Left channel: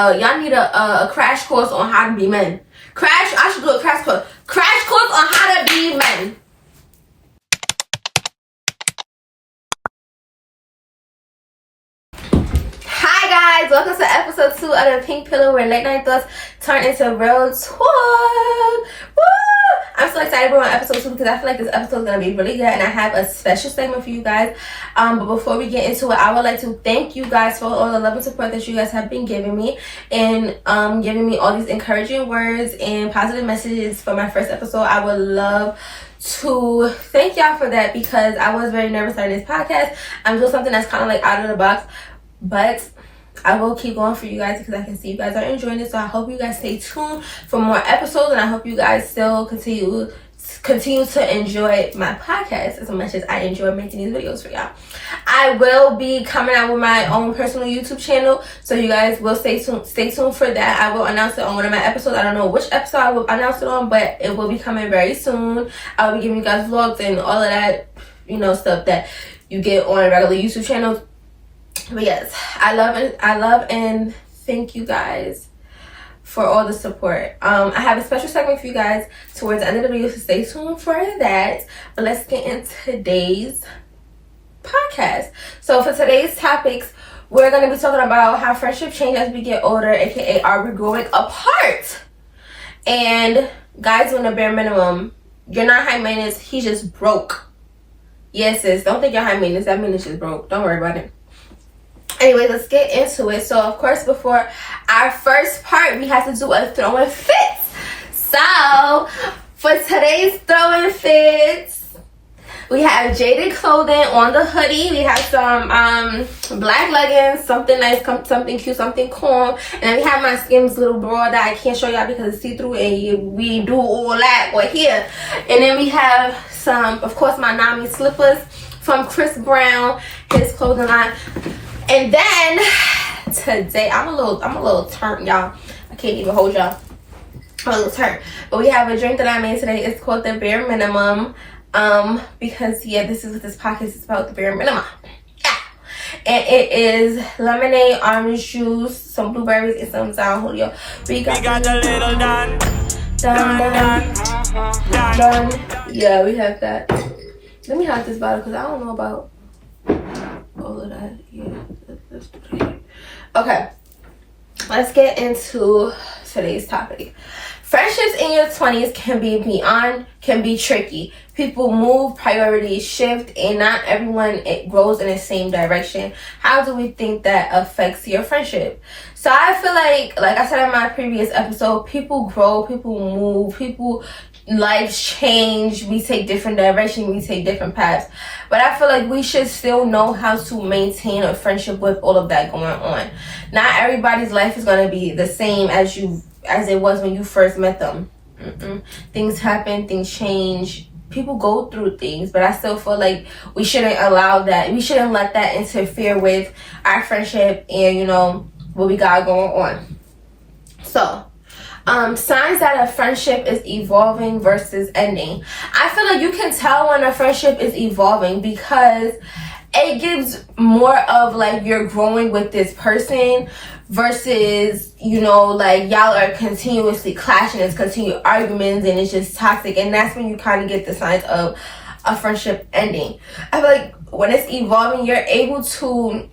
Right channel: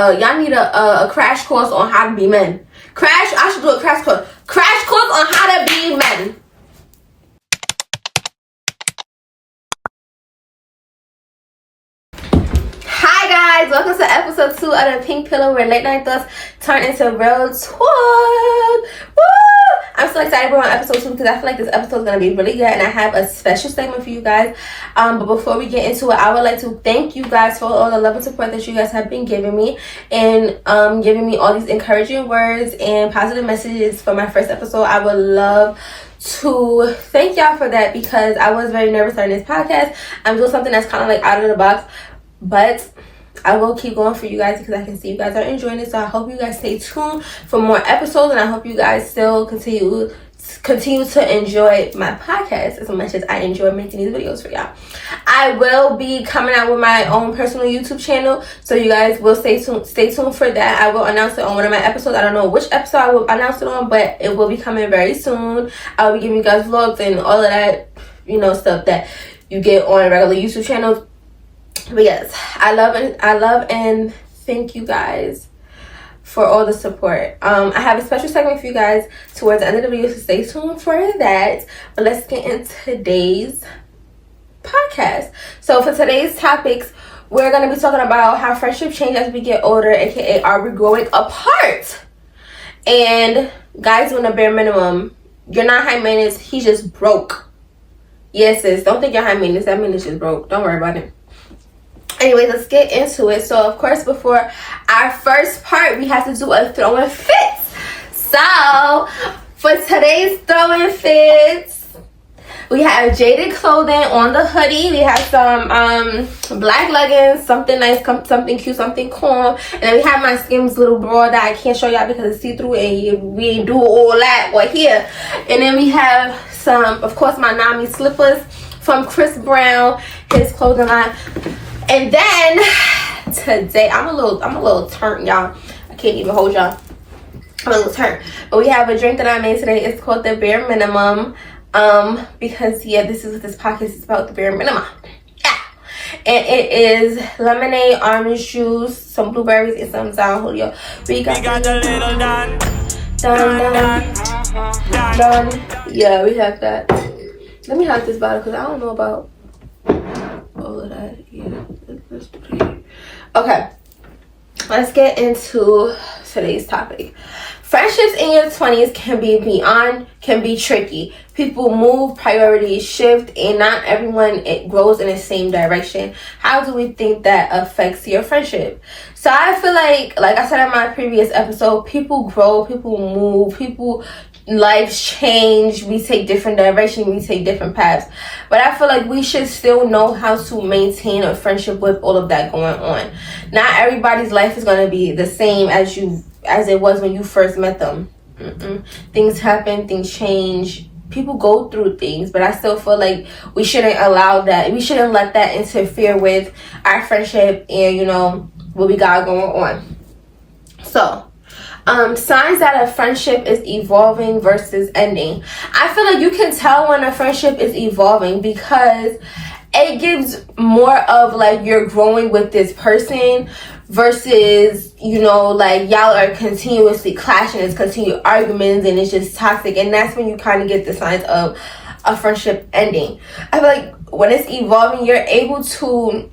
Y'all need a crash course on how to be men. I should do a crash course. Crash course on how to be men. Hi guys, welcome to episode 2 of the Pink Pillow, where late night thoughts turn into real talk. Woo! I'm so excited about episode 2 because I feel like this episode is going to be really good, and I have a special segment for you guys. But before we get into it, I would like to thank you guys for all the love and support that you guys have been giving me, and giving me all these encouraging words and positive messages for my first episode. I would love to thank y'all for that because I was very nervous starting this podcast. I'm doing something that's kind of like out of the box, but I will keep going for you guys because I can see you guys are enjoying it. So I hope you guys stay tuned for more episodes, and I hope you guys still continue to enjoy my podcast as much as I enjoy making these videos for y'all. I will be coming out with my own personal YouTube channel, so you guys will stay tuned for that. I will announce it on one of my episodes. I don't know which episode I will announce it on, but it will be coming very soon. I will be giving you guys vlogs and all of that, stuff that you get on regular YouTube channels. But yes, I love and thank you guys for all the support. I have a special segment for you guys towards the end of the video, so stay tuned for that. But let's get into today's podcast. So for today's topics, we're going to be talking about how friendship change as we get older, aka are we growing apart? And guys doing the bare minimum. You're not high maintenance, he's just broke. Yes, sis, don't think you're high maintenance, that man is just broke. Don't worry about it. Anyway, let's get into it. So, of course, before our first part, we have to do a throwing fits. So, for today's throwing fits, we have jaded clothing on the hoodie. We have some black leggings, something nice, something cute, something calm. And then we have my Skims little bra that I can't show y'all because it's see-through and we ain't do all that or here. And then we have some, of course, my Nami slippers from Chris Brown, his clothing line. And then today, I'm a little turned, y'all. I can't even hold y'all. I'm a little turned. But we have a drink that I made today. It's called the Bare Minimum. Because this is what this podcast is about, the bare minimum. Yeah. And it is lemonade, orange juice, some blueberries, and some San Julio. We got the little done. Yeah, we have that. Let me hide this bottle because I don't know about all of that. Yeah, let's do that. Okay, let's get into today's topic. Friendships in your 20s can be tricky. People move, priorities shift, and not everyone grows in the same direction. How do we think that affects your friendship? So I feel like I said in my previous episode, people grow, people move, lives change, we take different directions, we take different paths. But I feel like we should still know how to maintain a friendship with all of that going on. Not everybody's life is going to be the same as it was when you first met them. Things happen, things change, people go through things, but I still feel like we shouldn't allow that. We shouldn't let that interfere with our friendship and what we got going on. So signs that a friendship is evolving versus ending. I feel like you can tell when a friendship is evolving because it gives more of like you're growing with this person versus like y'all are continuously clashing, it's continued arguments, and it's just toxic, and that's when you kind of get the signs of a friendship ending. I feel like when it's evolving, you're able to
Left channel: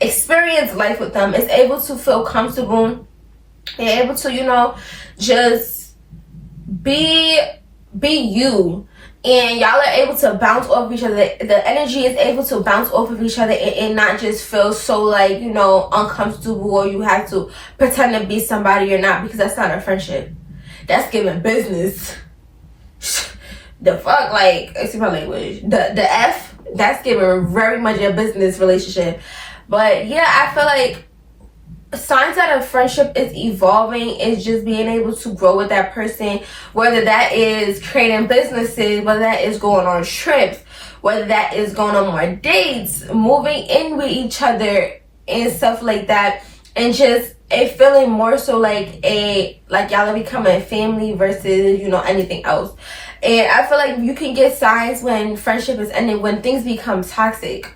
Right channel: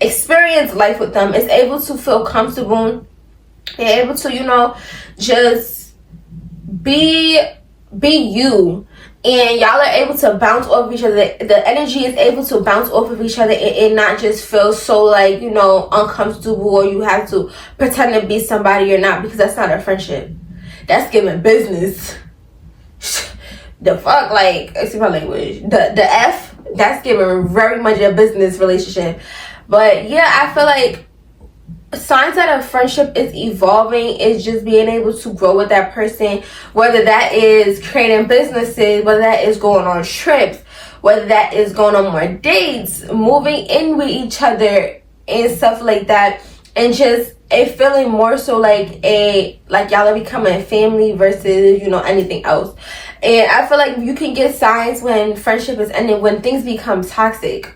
experience life with them, it's able to feel comfortable. You're able to, just be you. And y'all are able to bounce off of each other. The energy is able to bounce off of each other and not just feel so like, uncomfortable, or you have to pretend to be somebody you're not, because that's not a friendship. That's giving business. The fuck, like, excuse my language. The F, that's giving very much a business relationship. But yeah, I feel like signs that a friendship is evolving is just being able to grow with that person, whether that is creating businesses, whether that is going on trips, whether that is going on more dates, moving in with each other and stuff like that, and just it feeling more so like y'all are becoming family versus anything else. And I feel like you can get signs when friendship is ending, when things become toxic,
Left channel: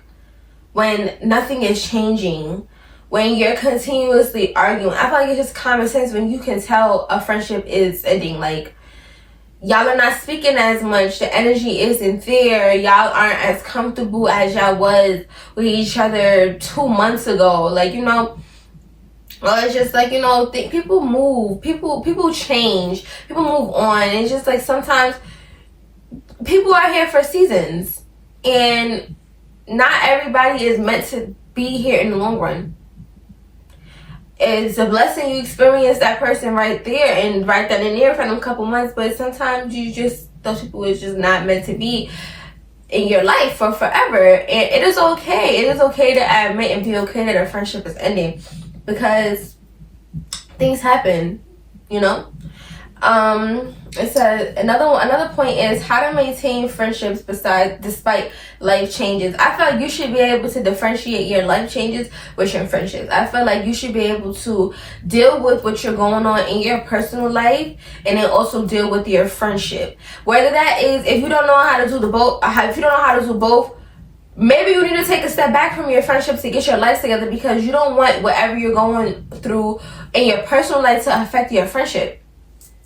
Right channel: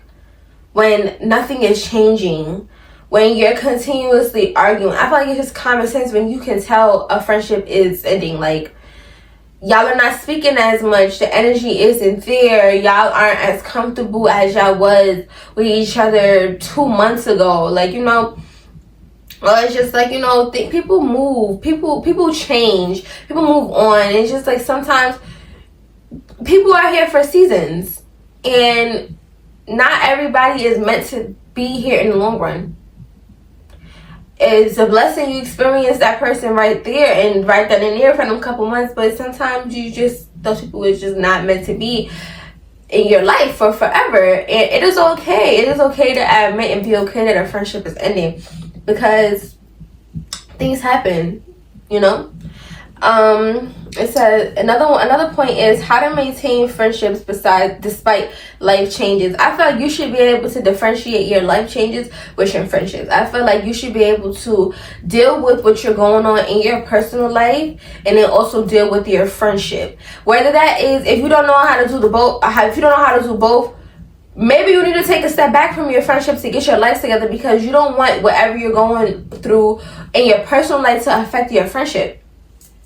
when nothing is changing, when you're continuously arguing. I feel like it's just common sense when you can tell a friendship is ending. Like, y'all are not speaking as much. The energy isn't there. Y'all aren't as comfortable as y'all was with each other 2 months ago. Like, you know, or it's just like, you know, people move. People change. People move on. It's just like sometimes people are here for seasons. And not everybody is meant to be here in the long run. It's a blessing you experience that person right there and right then and there for them couple months, but sometimes those people is just not meant to be in your life for forever. And it is okay. It is okay to admit and be okay that a friendship is ending, because things happen, you know. It says another point is how to maintain friendships despite life changes. I feel like you should be able to differentiate your life changes with your friendships. I feel like you should be able to deal with what you're going on in your personal life and then also deal with your friendship. Whether that is, if you don't know how to do both, maybe you need to take a step back from your friendships to get your life together, because you don't want whatever you're going through in your personal life to affect your friendship.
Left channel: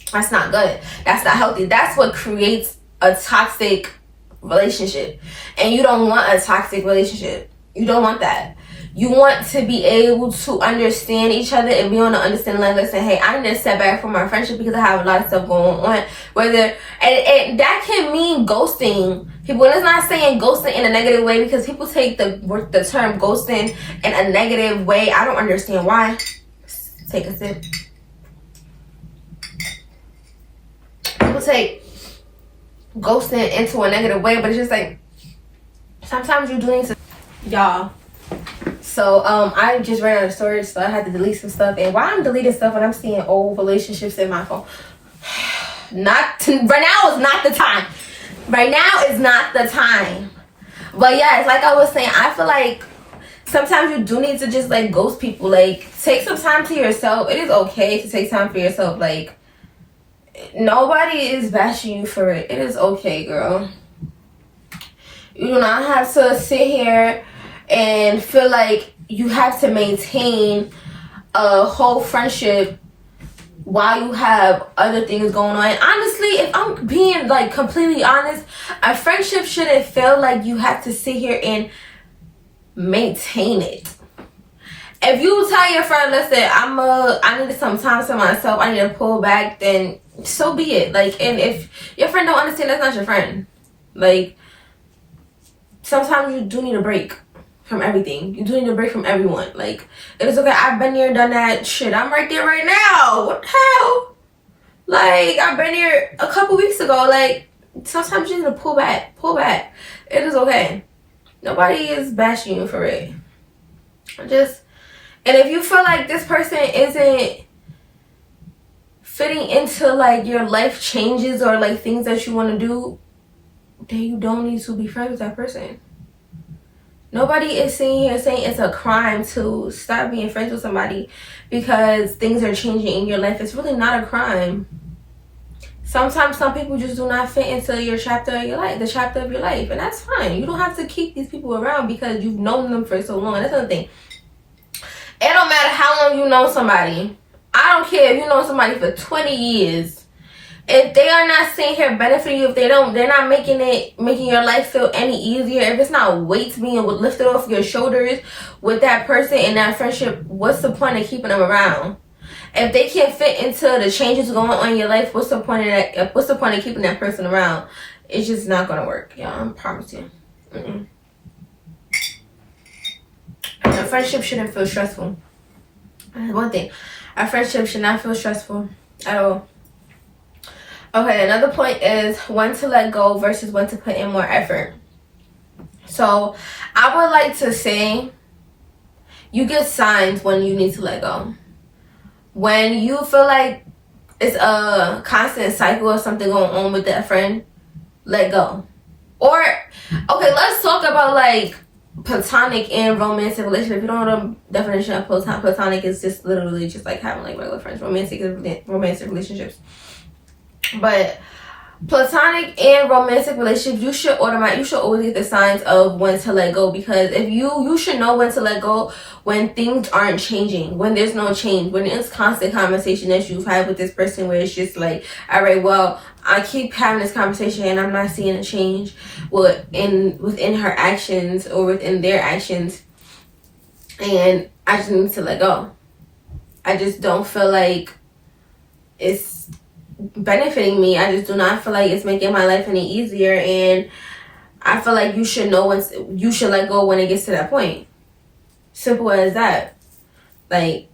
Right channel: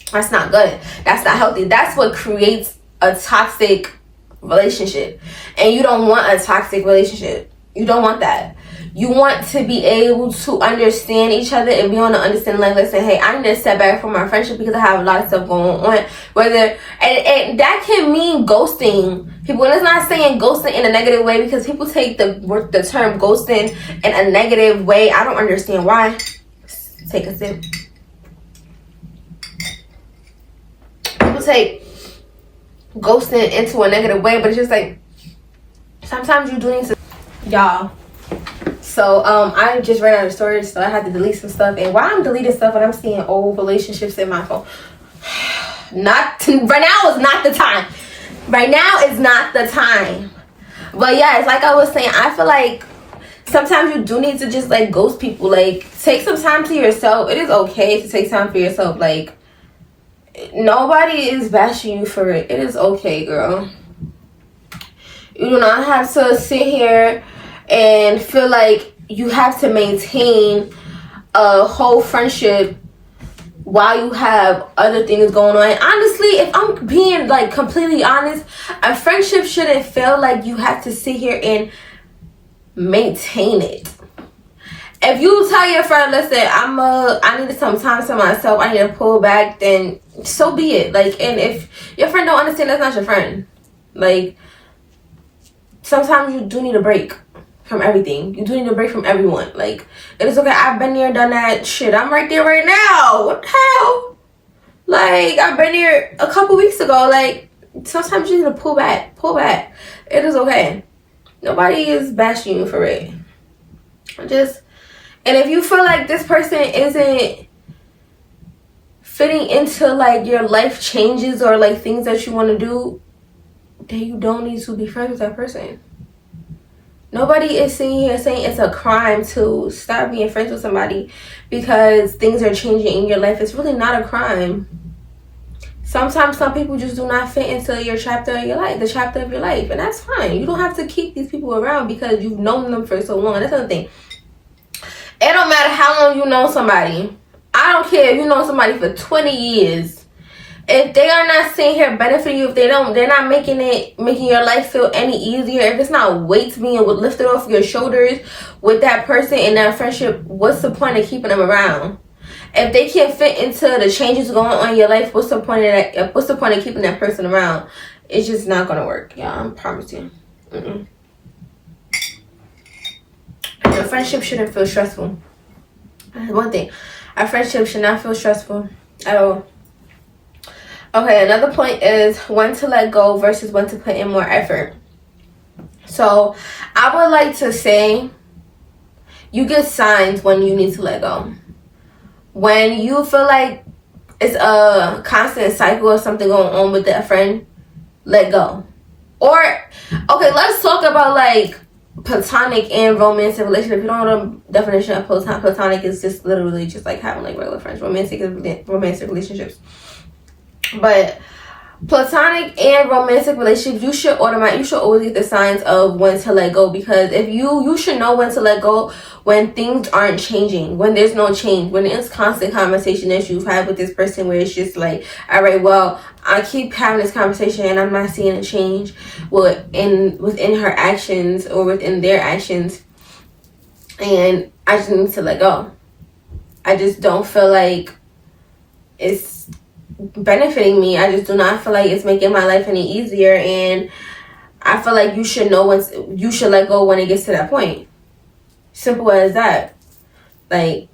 That's not good. That's not healthy. That's what creates a toxic relationship. And you don't want a toxic relationship. You don't want that. You want to be able to understand each other and be on the understanding line. Listen, hey, I need to step back from my friendship because I have a lot of stuff going on. And that can mean ghosting people. And it's not saying ghosting in a negative way, because people take the term ghosting in a negative way. I don't understand why. Take a sip. People take ghosting into a negative way, but it's just like sometimes you do need to, y'all. So I just ran out of storage, so I had to delete some stuff. And why I'm deleting stuff when I'm seeing old relationships in my phone? Right now is not the time. Right now is not the time. But yeah, it's like I was saying, I feel like sometimes you do need to just like ghost people. Like, take some time to yourself. It is okay to take time for yourself. Like, nobody is bashing you for it. It is okay, girl. You do not have to sit here and feel like you have to maintain a whole friendship while you have other things going on. And honestly, if I'm being like completely honest, a friendship shouldn't feel like you have to sit here and maintain it. If you tell your friend, listen, I needed some time to myself, I need to pull back, then so be it. Like, and if your friend don't understand, that's not your friend. Like, sometimes you do need a break from everything. You do need a break from everyone. Like, it is okay. I've been there, done that. Shit, I'm right there right now. What the hell? Like, I've been there a couple weeks ago. Like, sometimes you need to pull back. Pull back. It is okay. Nobody is bashing you for it. And if you feel like this person isn't fitting into like your life changes or like things that you want to do, then you don't need to be friends with that person. Nobody is sitting here saying it's a crime to stop being friends with somebody because things are changing in your life. It's really not a crime. Sometimes some people just do not fit into your chapter of your life, the chapter of your life, and that's fine. You don't have to keep these people around because you've known them for so long. And that's another thing. It don't matter how long you know somebody. I don't care if you know somebody for 20 years. If they are not sitting here benefiting you, if they're not making your life feel any easier, if it's not weights being lifted off your shoulders with that person in that friendship, what's the point of keeping them around? If they can't fit into the changes going on in your life, what's the point of that? What's the point of keeping that person around? It's just not gonna work, y'all. I promise you. A friendship shouldn't feel stressful. That's one thing. A friendship should not feel stressful at all. Okay, another point is when to let go versus when to put in more effort. So I would like to say you get signs when you need to let go. When you feel like it's a constant cycle of something going on with that friend, let go. Or, okay, let's talk about like platonic and romantic relationship. If you don't know the definition of platonic, is just literally just like having like regular friends. Romantic relationships. But platonic and romantic relationships, you should always get the signs of when to let go, because if you should know when to let go when things aren't changing, when there's no change, when it's constant conversation that you've had with this person where it's just like, all right, well, I keep having this conversation and I'm not seeing a change within her actions or within their actions, and I just need to let go. I just don't feel like it's benefiting me. I just do not feel like it's making my life any easier, and I feel like you should know when you should let go when it gets to that point. Simple as that. Like,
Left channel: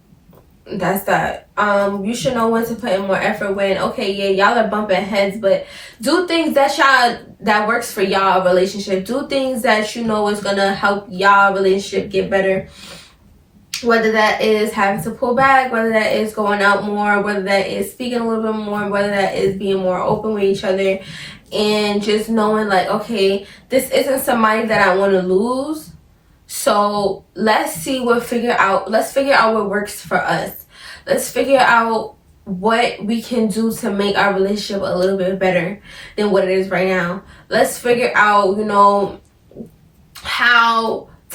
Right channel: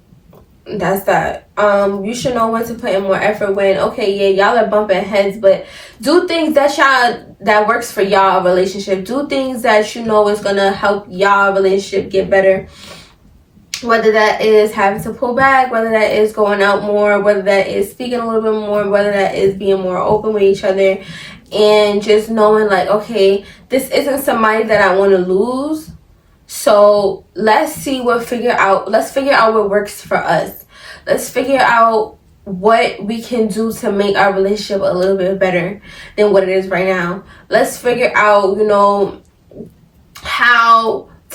that's that. You should know when to put in more effort when, okay, yeah, y'all are bumping heads, but do things that works for y'all relationship. Do things that you know is gonna help y'all relationship get better. Whether that is having to pull back, whether that is going out more, whether that is speaking a little bit more, whether that is being more open with each other, and just knowing like, okay, this isn't somebody that I want to lose. So let's figure out what works for us. Let's figure out what we can do to make our relationship a little bit better than what it is right now. Let's figure out,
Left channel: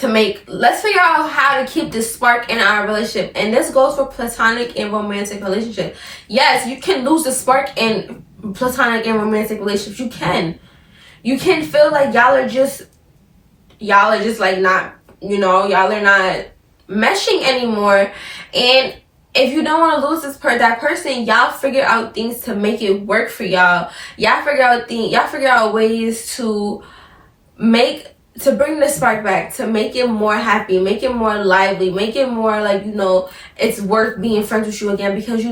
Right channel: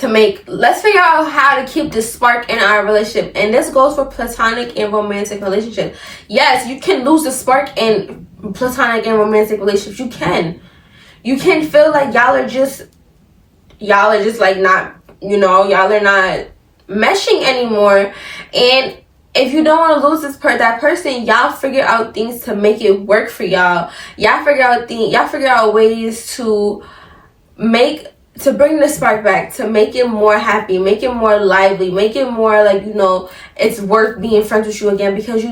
let's figure out how to keep the spark in our relationship. And this goes for platonic and romantic relationships. Yes, you can lose the spark in platonic and romantic relationships. You can feel like y'all are just like not, y'all are not meshing anymore. And if you don't want to lose that person, y'all figure out things to make it work for y'all. Y'all figure out ways to bring the spark back, to make it more happy, make it more lively, make it more like, it's worth being friends with you again, because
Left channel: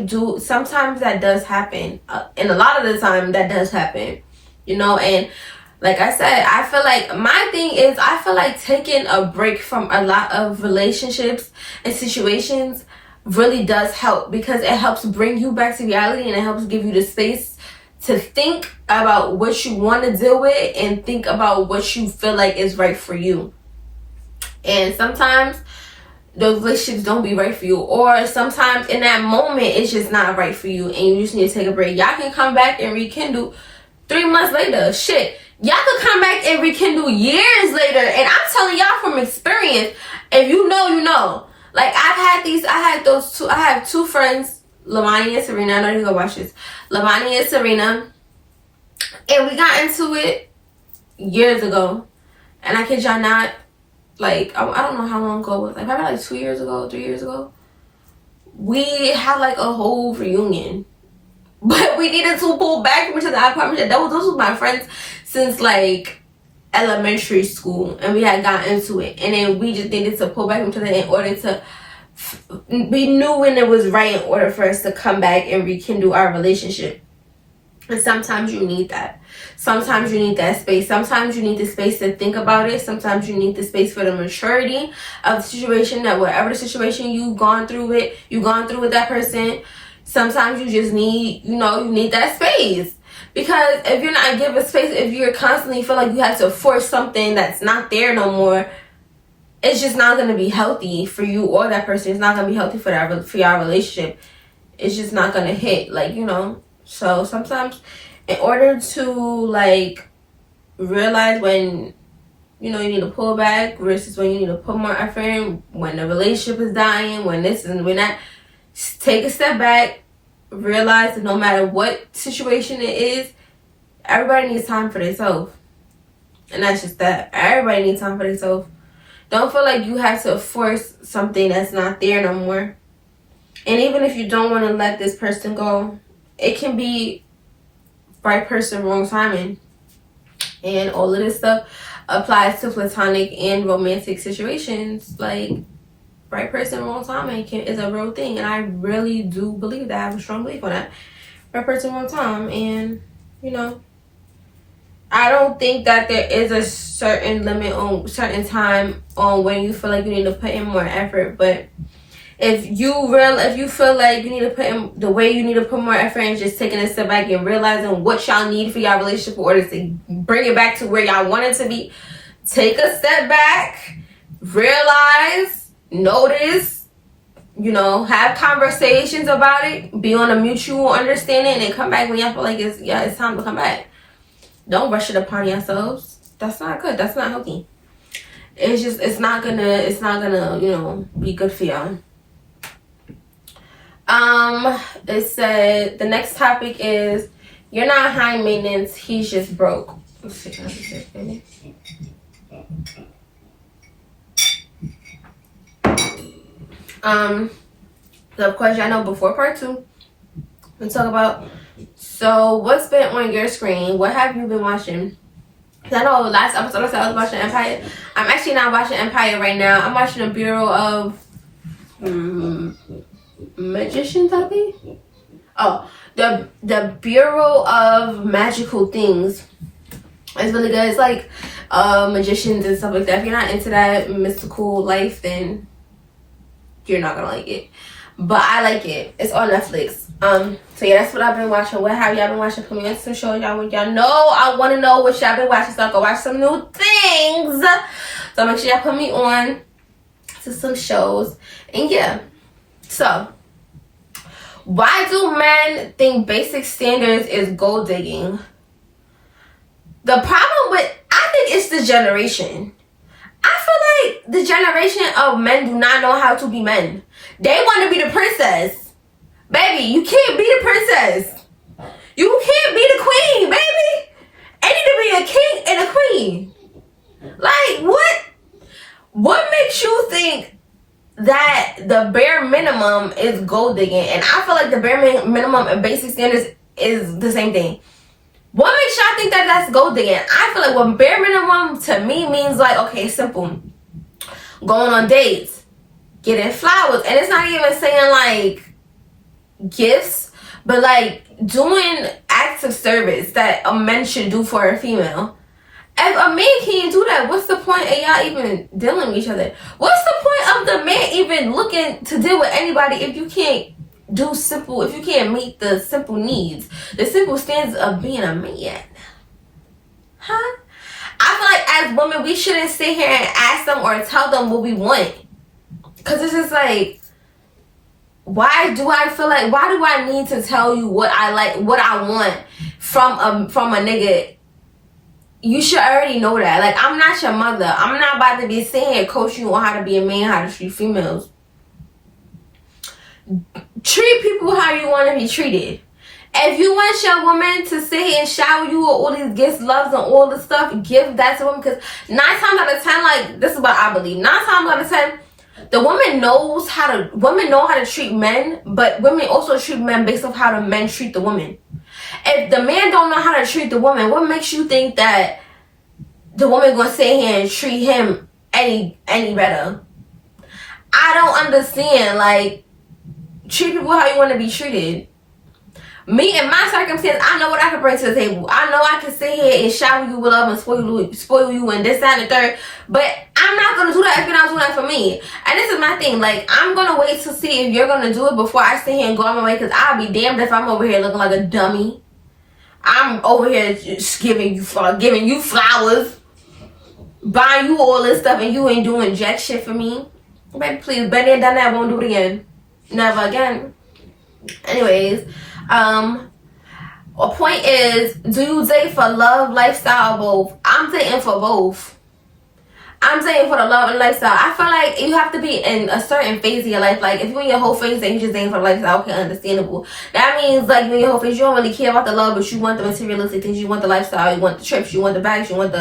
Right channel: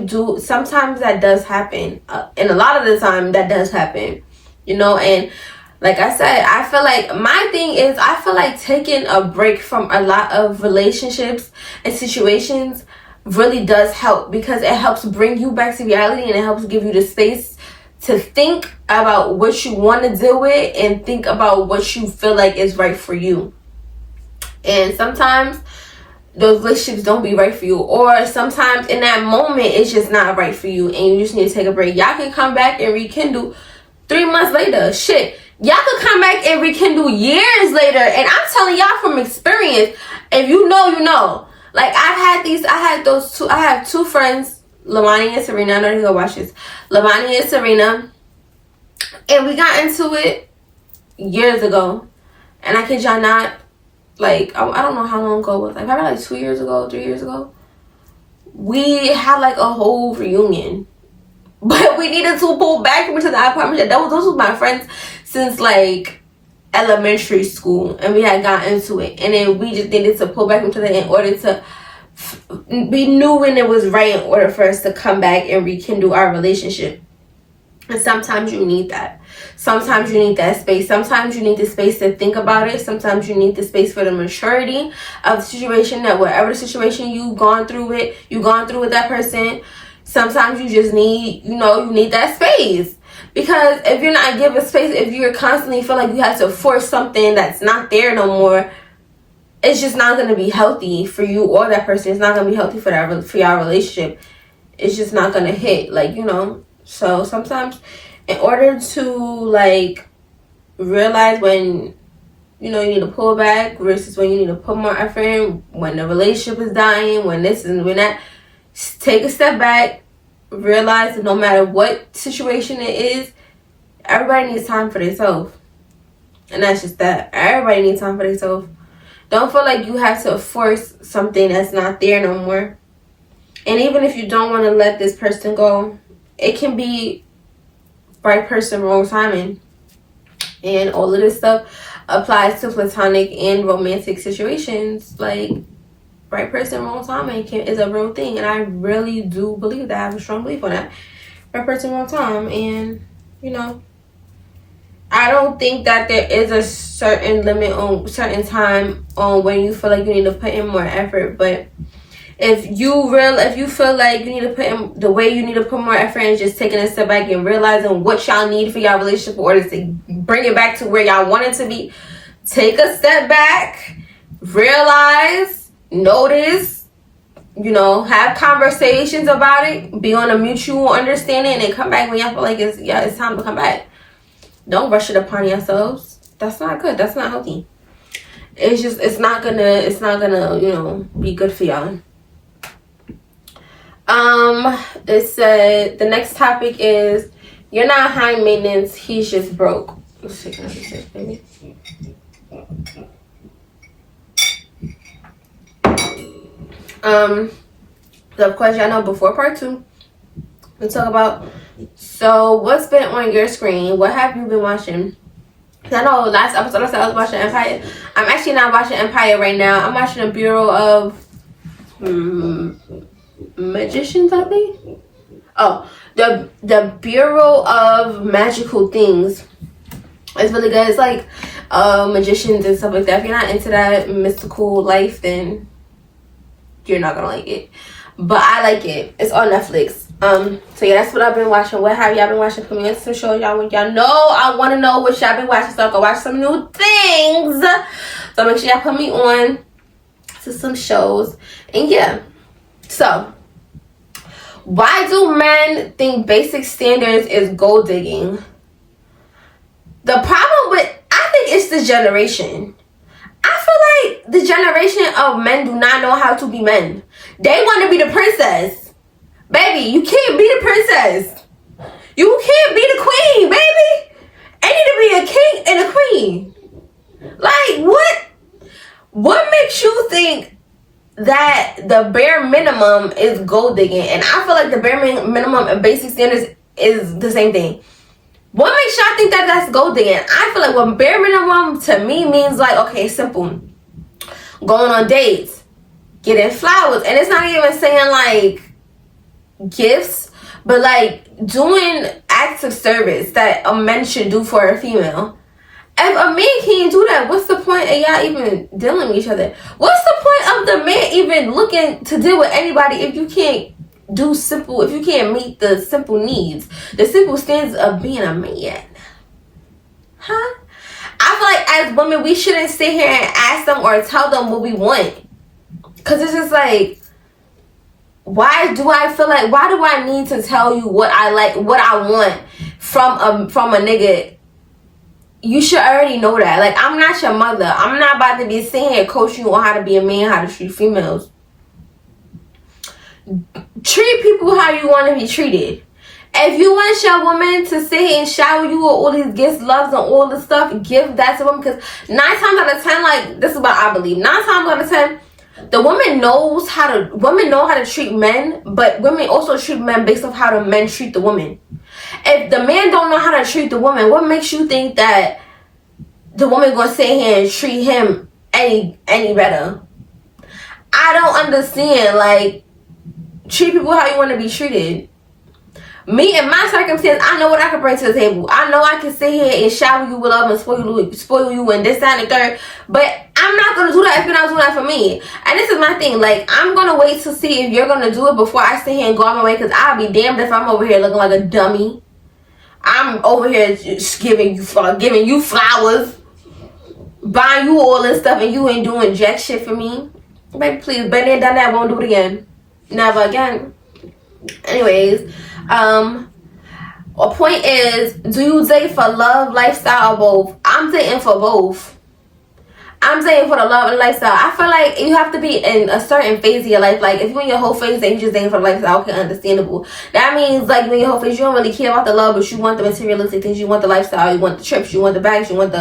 sometimes that does happen. And a lot of the time that does happen, and like I said, I feel like my thing is, I feel like taking a break from a lot of relationships and situations really does help, because it helps bring you back to reality, and it helps give you the space to think about what you want to deal with and think about what you feel like is right for you. And sometimes those relationships don't be right for you, or sometimes in that moment it's just not right for you and you just need to take a break. Y'all can come back and rekindle 3 months later. Shit, y'all could come back and rekindle years later. And I'm telling y'all from experience, if you know, you know. Like, I have two friends, Lamani and Serena. I know they're gonna watch this. Lamani and Serena. And we got into it years ago. And I kid y'all not, like, I don't know how long ago it was. Like, probably like 2 years ago, 3 years ago. We had like a whole reunion. But we needed to pull back into the apartment. Those was my friends since like elementary school. And we had gotten into it. And then we just needed to pull back into that in order to... we knew when it was right in order for us to come back and rekindle our relationship. And sometimes you need that. Sometimes you need that space. Sometimes you need the space to think about it. Sometimes you need the space for the maturity of the situation, that whatever the situation you've gone through with that person. Sometimes you just need, you need that space. Because if you're not given space, if you're constantly feel like you have to force something that's not there no more, it's just not going to be healthy for you or that person. It's not going to be healthy for your relationship. It's just not going to hit, So sometimes in order to, realize when, you need to pull back versus when you need to put more effort in, when the relationship is dying, when this and when that, take a step back, realize that no matter what situation it is, everybody needs time for themselves. And that's just that. Everybody needs time for themselves. Don't feel like you have to force something that's not there no more. And even if you don't want to let this person go, it can be right person, wrong timing. And all of this stuff applies to platonic and romantic situations. Like, right person, wrong timing is a real thing. And I really do believe that. I have a strong belief on that. Right person, wrong time. And, I don't think that there is a certain limit on certain time on when you feel like you need to put in more effort. But if you feel like you need to put in, the way you need to put more effort in, just taking a step back and realizing what y'all need for y'all relationship in order to bring it back to where y'all want it to be. Take a step back, realize, notice, you know, have conversations about it, be on a mutual understanding, and then come back when y'all feel like it's time to come back. Don't rush it upon yourselves. That's not good. That's not healthy. It's not gonna, you know, be good for y'all. It said the next topic is you're not high maintenance, he's just broke. Let's see, can I see this, baby? So of course y'all know before part 2 we talk about, so what's been on your screen? What have you been watching? I know last episode I said I was watching Empire. I'm actually not watching Empire right now. I'm watching the Bureau of Magicians, I think. Oh, the Bureau of Magical Things. It's really good. It's like magicians and stuff like that. If you're not into that mystical life, then you're not gonna like it. But I like it. It's on Netflix. So yeah, that's what I've been watching. What have y'all been watching? Put me on some shows y'all want. Y'all know I want to know what y'all been watching, so I can watch some new things. So make sure y'all put me on to some shows. And yeah, so why do men think basic standards is gold digging? The problem with, I think it's the generation. I feel like the generation of men do not know how to be men. They want to be the princess. Baby, you can't be the princess. You can't be the queen, baby. I need to be a king and a queen. Like, what makes you think that the bare minimum is gold digging? And I feel like the bare minimum and basic standards is the same thing. What makes y'all think that that's gold digging? I feel like what bare minimum to me means like, okay, simple. Going on dates, getting flowers. And it's not even saying like gifts, but like doing acts of service that a man should do for a female. If a man can't do that, what's the point of y'all even dealing with each other? What's the point of the man even looking to deal with anybody if you can't if you can't meet the simple needs, the simple standards of being a man? Huh? I feel like as women, we shouldn't sit here and ask them or tell them what we want. Cause it's just like, why do I need to tell you what I like, what I want from a nigga? You should already know that. Like, I'm not your mother. I'm not about to be sitting here coaching you on how to be a man, how to treat females. Treat people how you want to be treated. If you want your woman to sit here and shower you with all these gifts, loves, and all this stuff, give that to them. Because 9 times out of 10, like, this is what I believe. 9 times out of 10, the women know how to treat men, but women also treat men based off how the men treat the woman. If the man don't know how to treat the woman, what makes you think that the woman gonna sit here and treat him any better? I don't understand. Like, treat people how you want to be treated. Me and my circumstance, I know what I can bring to the table. I know I can sit here and shower you with love and spoil you and this, that, and the third. But I'm not going to do that if you're not doing that for me. And this is my thing. Like, I'm going to wait to see if you're going to do it before I sit here and go on my way. Because I'll be damned if I'm over here looking like a dummy. I'm over here just giving you flowers, buying you all this stuff, and you ain't doing jack shit for me. Baby, please, been there, done that, won't do it again. Never again. Anyways, a point is, do you date for love, lifestyle, or both? I'm dating for both. I'm dating for the love and lifestyle. I feel like you have to be in a certain phase of your life. Like, if you're in your whole phase and you just dating for the lifestyle, okay, understandable. That means, like, in your whole phase, you don't really care about the love, but you want the materialistic things. You want the lifestyle. You want the trips. You want the bags. You want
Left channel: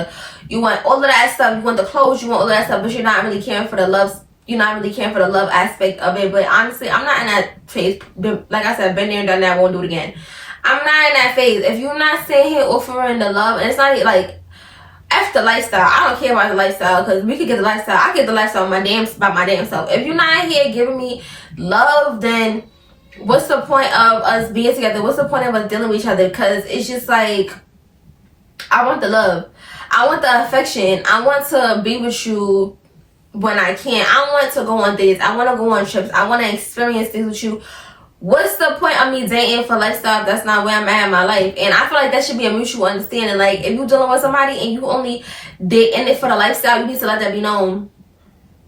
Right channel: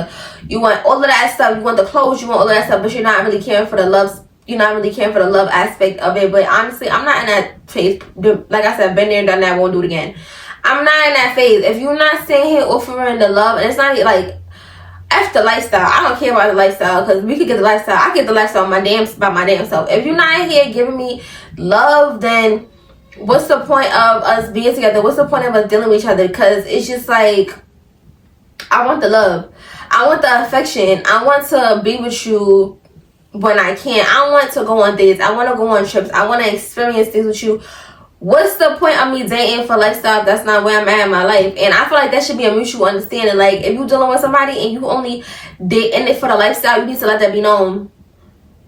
all of that stuff. You want the clothes. You want all of that stuff, but you're not really caring for the love. You're not really caring for the love aspect of it. But honestly, I'm not in that phase. Like I said, been there and done that, won't do it again. I'm not in that phase. If you're not sitting here offering the love, and it's not like, F the lifestyle. I don't care about the lifestyle, because we could get the lifestyle. I get the lifestyle by my damn self. If you're not here giving me love, then what's the point of us being together? What's the point of us dealing with each other? Because it's just like, I want the love. I want the affection. I want to be with you when I can. I want to go on dates. I want to go on trips. I want to experience things with you. What's the point of me dating for lifestyle if that's not where I'm at in my life? And I feel like that should be a mutual understanding. Like, if you're dealing with somebody and you only dating it for the lifestyle, you need to let that be known.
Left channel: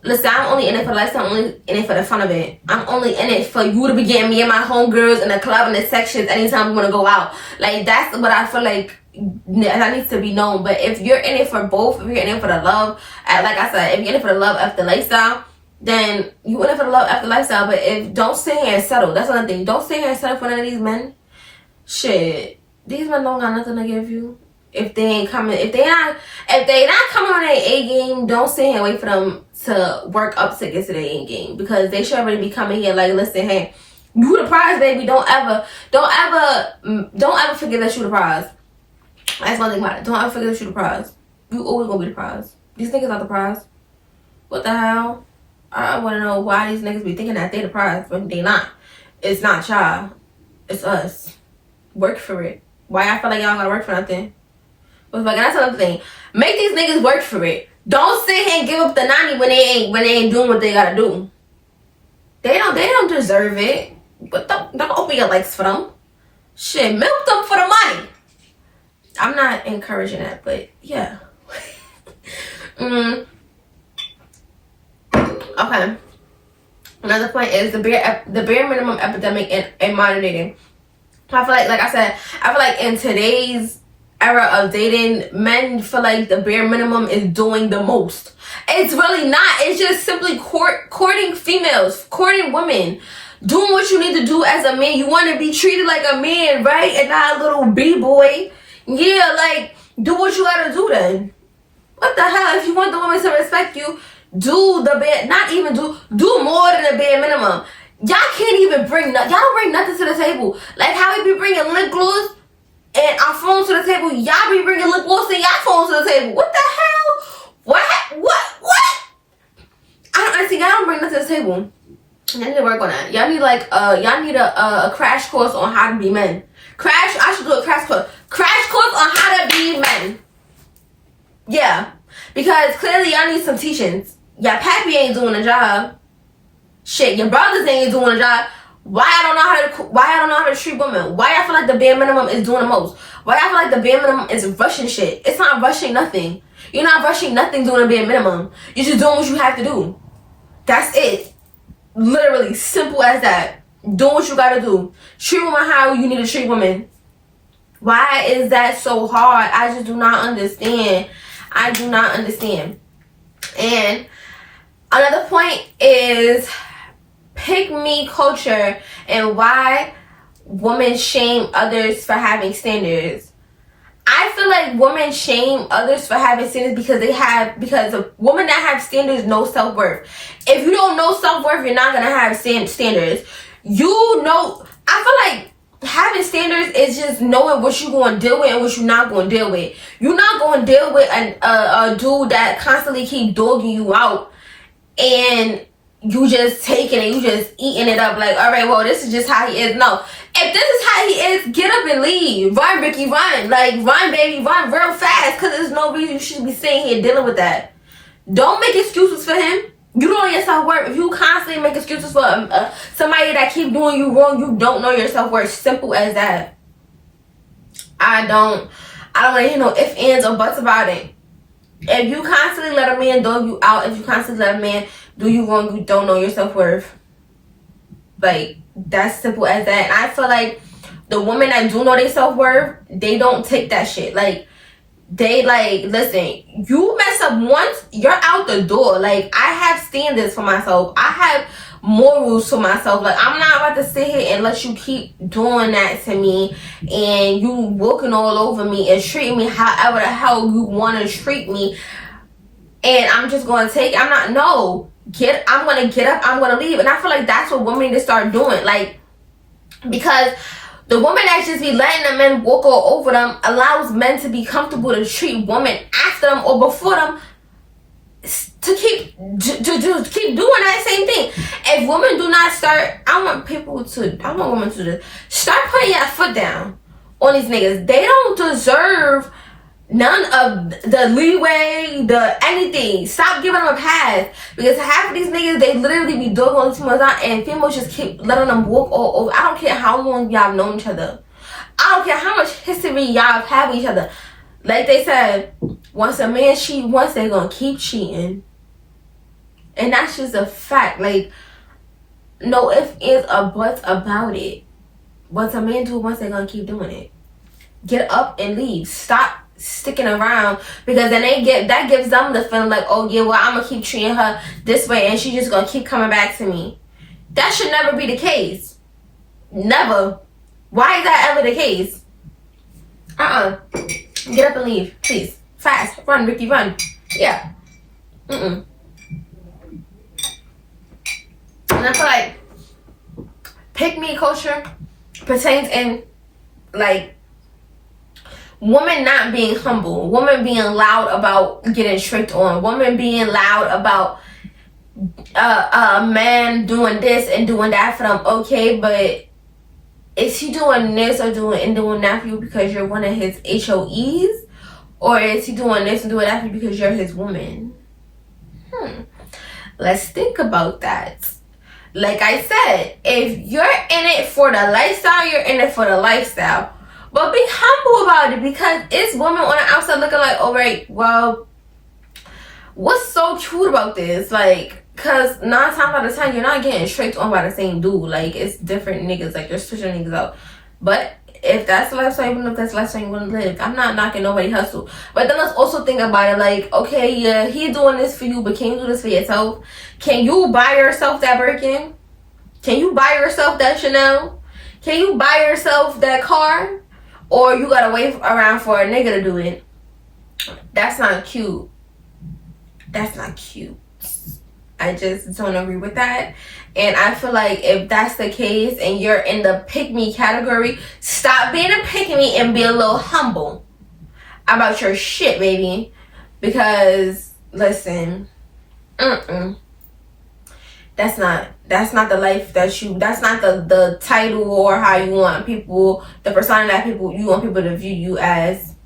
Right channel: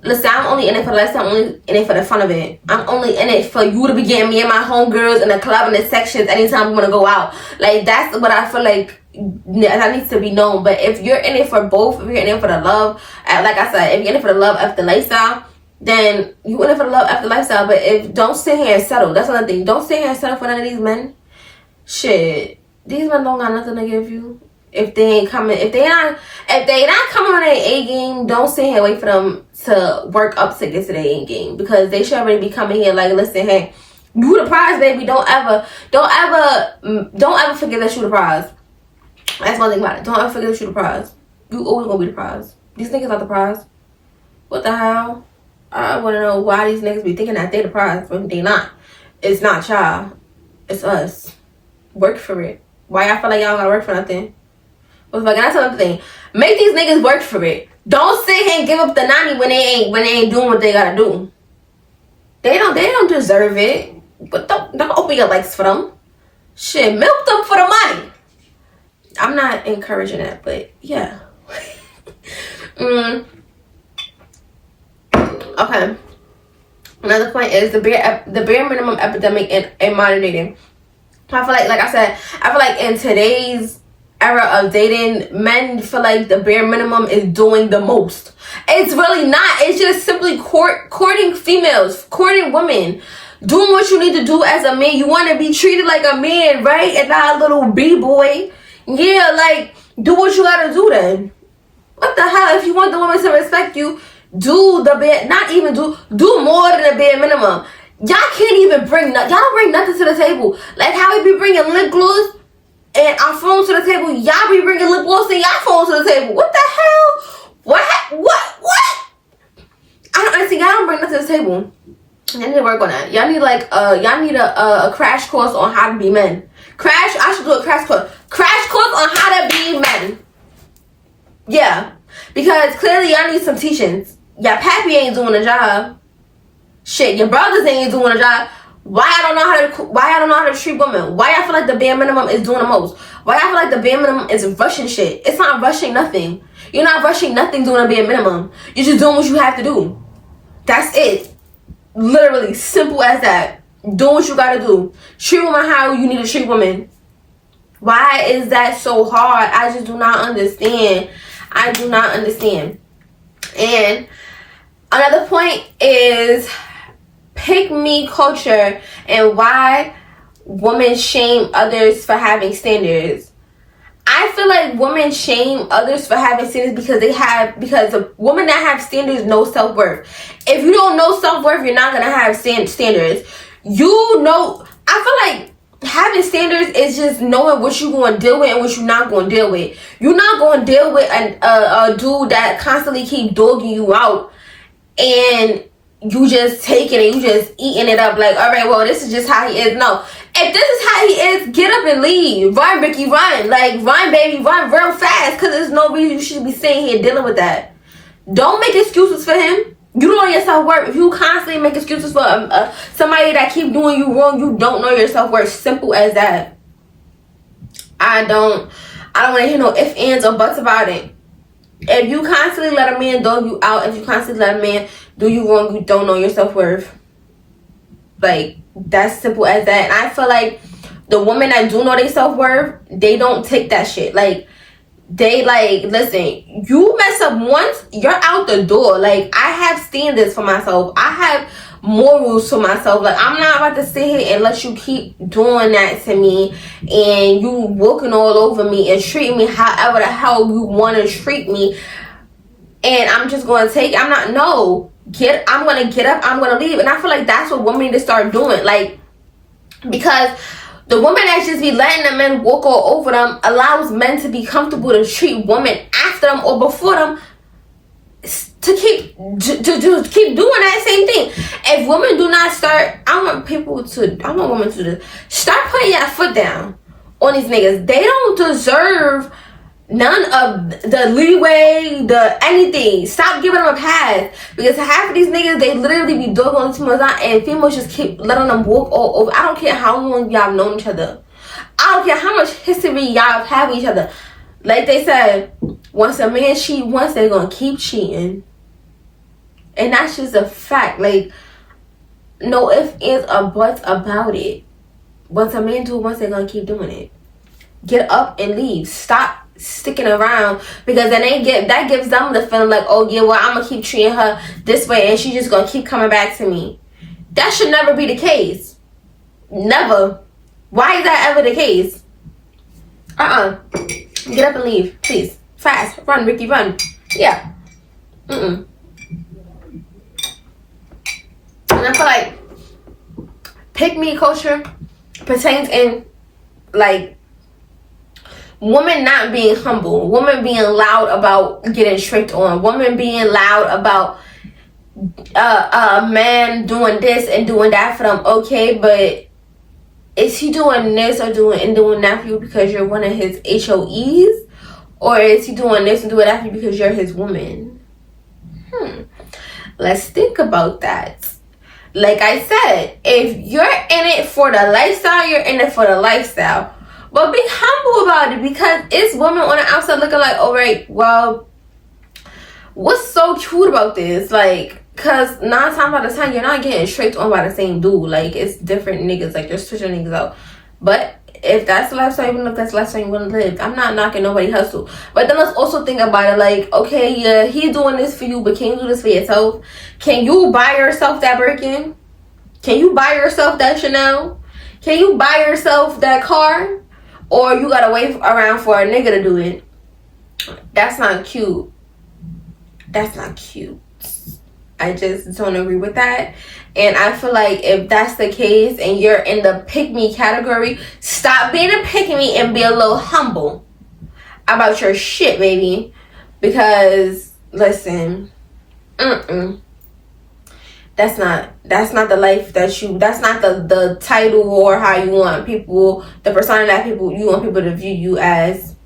listen, I'm only in it for the lifestyle. I'm only in it for the fun of it. I'm only in it for you to be getting me and my homegirls in the club and the sections anytime we want to go out. Like, that's what I feel like that needs to be known. But if you're in it for both, if you're in it for the love, like I said, if you're in it for the love after lifestyle, then you in it for the love after lifestyle. But if don't sit here and settle. That's another thing. Don't sit here and settle for none of these men. Shit, these men don't got nothing to give you. If they ain't coming, if they not coming on their A game, don't sit here and wait for them to work up to get to their A game, because they should already be coming here like, listen, hey, you the prize, baby. Don't ever forget that you the prize. That's one thing about it. Don't ever forget that you the prize. You always gonna be the prize. These niggas not the prize. What the hell? I want to know why these niggas be thinking that they the prize, but they not. It's not y'all. It's us. Work for it. Why y'all feel like y'all gotta work for nothing? But fucking, that's another thing. Make these niggas work for it. Don't sit here and give up the 90 when they ain't doing what they gotta do. They don't deserve it. But don't open your legs for them. Shit, milk them for the money. I'm not encouraging that, but yeah. Okay. Another point is the bare minimum epidemic in modern dating. I feel like I said, I feel like in today's era of dating, men feel like the bare minimum is doing the most. It's really not. It's just simply courting females, courting women, doing what you need to do as a man. You want to be treated like a man, right? And not a little b-boy. Yeah, like, do what you gotta do then. What the hell? If you want the woman to respect you, do the bare, not even do more than the bare minimum. Y'all can't even y'all don't bring nothing to the table. Like how we be bringing lip gloss and our phones to the table, y'all be bringing lip gloss and y'all phones to the table. What the hell? What? I don't understand. Y'all don't bring nothing to the table. Y'all need to work on that. Y'all need a crash course on how to be men. I should do a crash course on how to be men. Yeah, because clearly y'all need some teachings. Y'all pappy ain't doing the job. Shit, your brothers ain't doing a job. Why I don't know how to treat women? Why I feel like the bare minimum is doing the most? Why I feel like the bare minimum is rushing shit? It's not rushing nothing. You're not rushing nothing doing a bare minimum. You're just doing what you have to do. That's it. Literally, simple as that. Do what you gotta do. Treat women how you need to treat women. Why is that so hard? I just do not understand. I do not understand. And another point is pick me culture and why women shame others for having standards. I feel like women shame others for having standards because the women that have standards know self-worth. If you don't know self-worth, you're not gonna have standards. I feel like having standards is just knowing what you're going to deal with and what you're not going to deal with. You're not going to deal with a dude that constantly keep dogging you out and you just taking it, you just eating it up like, all right, well, this is just how he is. No. If this is how he is, get up and leave. Run, Ricky, run. Like, run, baby, run real fast, because there's no reason you should be sitting here dealing with that. Don't make excuses for him. You don't know your self-worth. If you constantly make excuses for somebody that keep doing you wrong, you don't know your self-worth. Simple as that. I don't want to hear no ifs, ands, or buts about it. If you constantly let a man dog you out, if you constantly let a man do you wrong, you don't know your self-worth. Like, that's simple as that. And I feel like the women that do know their self-worth, they don't take that shit. Like, they like, listen, you mess up once, you're out the door. Like, I have standards for myself. I have morals for myself. Like, I'm not about to sit here and let you keep doing that to me and you walking all over me and treating me however the hell you want to treat me. And I'm just going to take, I'm going to get up, I'm going to leave. And I feel like that's what women need to start doing. Like, because the woman that just be letting the men walk all over them allows men to be comfortable to treat women after them or before them to keep doing that same thing. If women do not start, I want women to start putting your foot down on these niggas. They don't deserve none of the leeway, the anything. Stop giving them a pass. Because half of these niggas, they literally be dogging females out and females just keep letting them walk all over. I don't care how long y'all have known each other. I don't care how much history y'all have with each other. Like they said, once a man cheat once, they gonna keep cheating. And that's just a fact. Like, no ifs, ands, or buts about it. Once a man do it once, they're gonna keep doing it. Get up and leave. Stop sticking around, because then that gives them the feeling like, oh yeah, well, I'm gonna keep treating her this way and she's just gonna keep coming back to me. That should never be the case. Never. Why is that ever the case? Get up and leave, please. Fast. Run, Ricky, run. Yeah. And I feel like pick me culture pertains in like women not being humble, women being loud about getting tricked on, women being loud about a man doing this and doing that for them. Okay, but is he doing this or doing that for you because you're one of his HOEs? Or is he doing this and doing that for you because you're his woman? Let's think about that. Like I said, if you're in it for the lifestyle, you're in it for the lifestyle. But be humble about it, because it's women on the outside looking like, all right, well, what's so cute about this? Like, because 9 times out of 10, you're not getting tricked on by the same dude. Like, it's different niggas. Like, you're switching niggas out. But if that's the lifestyle, even if that's the lifestyle you want to live, I'm not knocking nobody hustle. But then let's also think about it. Like, okay, yeah, he's doing this for you, but can you do this for yourself? Can you buy yourself that Birkin? Can you buy yourself that Chanel? Can you buy yourself that car? Or you gotta wait around for a nigga to do it? That's not cute. That's not cute. I just don't agree with that. And I feel like if that's the case and you're in the pick me category, stop being a pick me and be a little humble about your shit, baby. Because listen, that's not the life that you, that's not the title or how you want people, the persona that you want people to view you as.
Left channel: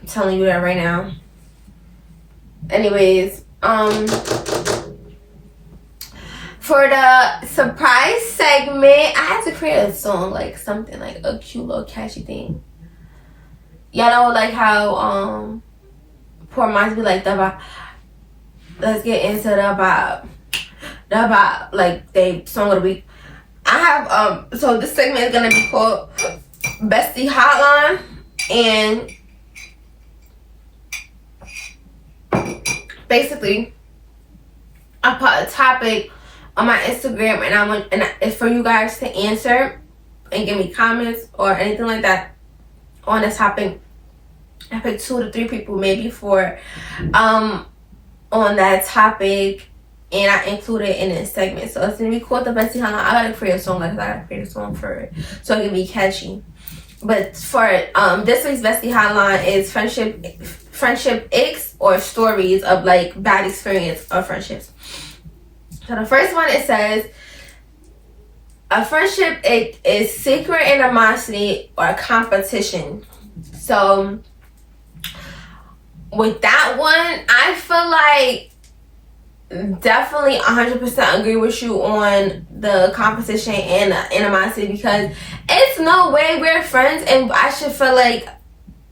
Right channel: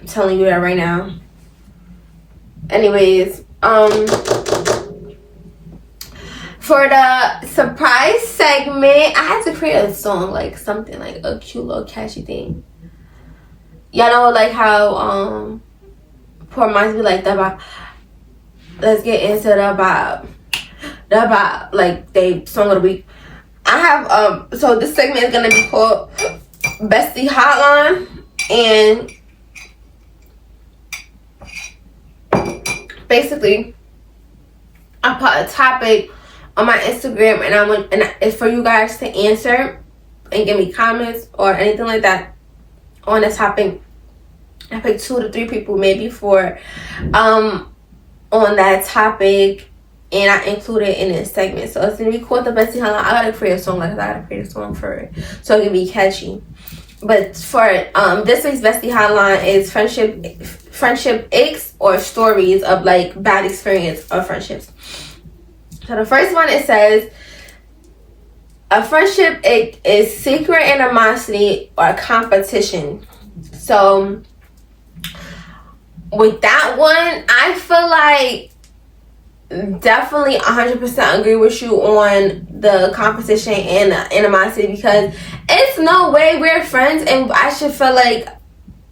I'm telling you that right now. Anyways, for the surprise segment, I had to create a song, like something like a cute little catchy thing. Y'all know like how poor minds be like the vibe. Let's get into the vibe. The vibe, like they song of the week. I have so this segment is gonna be called Bestie Hotline, and basically I put a topic on my Instagram, and it's for you guys to answer and give me comments or anything like that on this topic. I picked 2 to 3 people maybe for on that topic, and I included it in this segment. So it's gonna be called the Bestie Hotline. I gotta create a song, like I gotta create a song for it so it can be catchy. But for this week's Bestie Hotline is friendship aches or stories of like bad experience of friendships. So the first one, it says, a friendship ache is secret animosity or competition. So with that one, I feel like definitely 100% agree with you on the competition and the animosity, because it's no way we're friends and I should feel like